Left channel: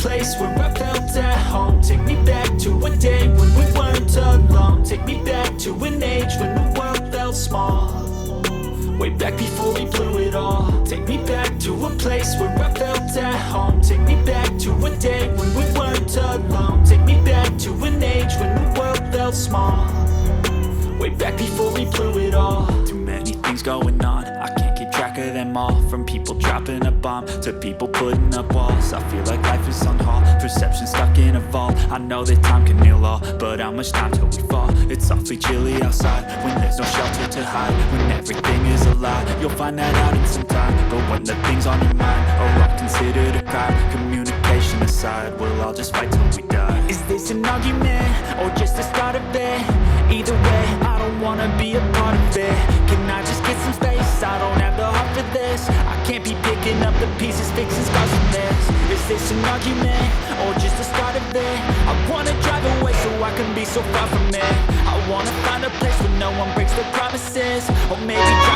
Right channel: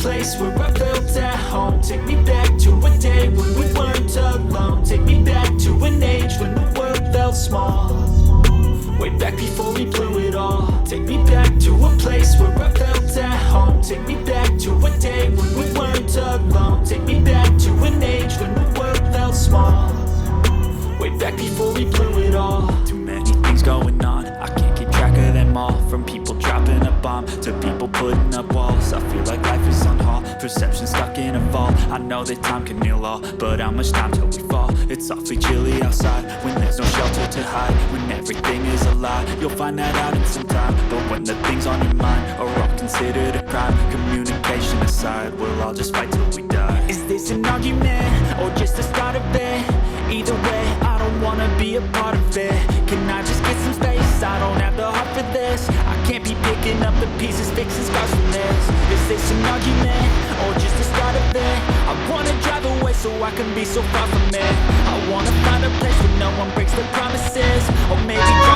place where I felt at home. Take me back to a day when we weren't alone. Take me back to an age when the world felt small. Way back before we blew it all. Take me back to a place where I felt at home. Take me back to a day when we weren't alone. Take me back to an age when the world felt small. Way back before we blew it all. Too many things going on, I can't keep track of them all. From people dropping a bomb to people putting up walls. I feel like life is on hold, perception stuck in a vault. I know that time can heal all, but how much time till we fall? It's awfully chilly outside when there's no shelter to hide. When everything is a lie, you'll find that out in some time. But when the things on your mind are all considered a crime, communication aside, we'll all just fight till we die. Is this an argument or just the start of it? Either way, I don't wanna be a part of it. Can I just get some space? I don't have the heart for this. I can't be picking up the pieces, fixing scars from this. Is this an argument or just the start of it? I wanna drive away so I can be so far from it. I wanna find a place where no one breaks their promises. Or maybe